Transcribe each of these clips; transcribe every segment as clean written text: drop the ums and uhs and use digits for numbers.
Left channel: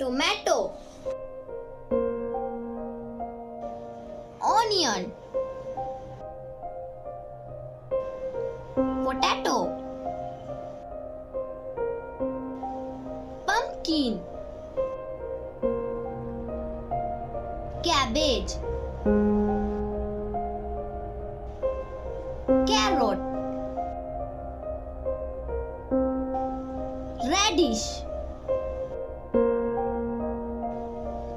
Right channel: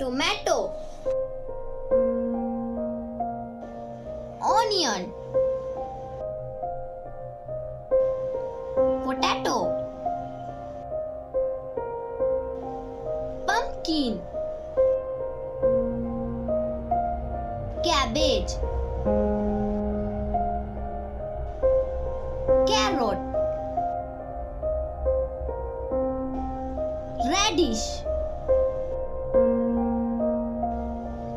tomato, onion, potato, pumpkin, cabbage, carrot, radish,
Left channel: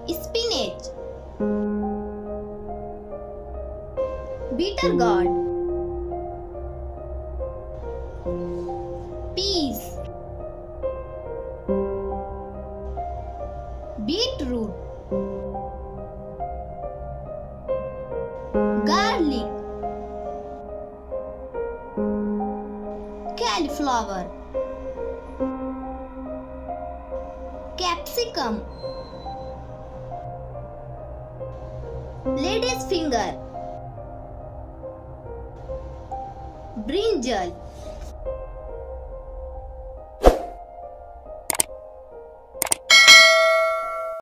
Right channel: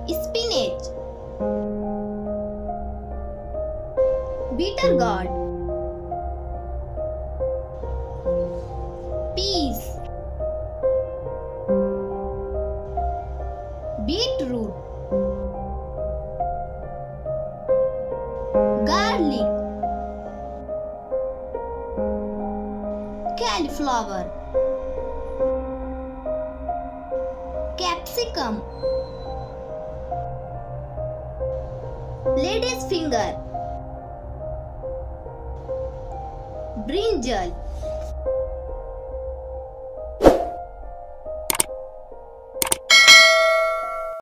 spinach, bitter gourd, peas, beetroot, garlic, cauliflower, capsicum, lady's finger, brinjal,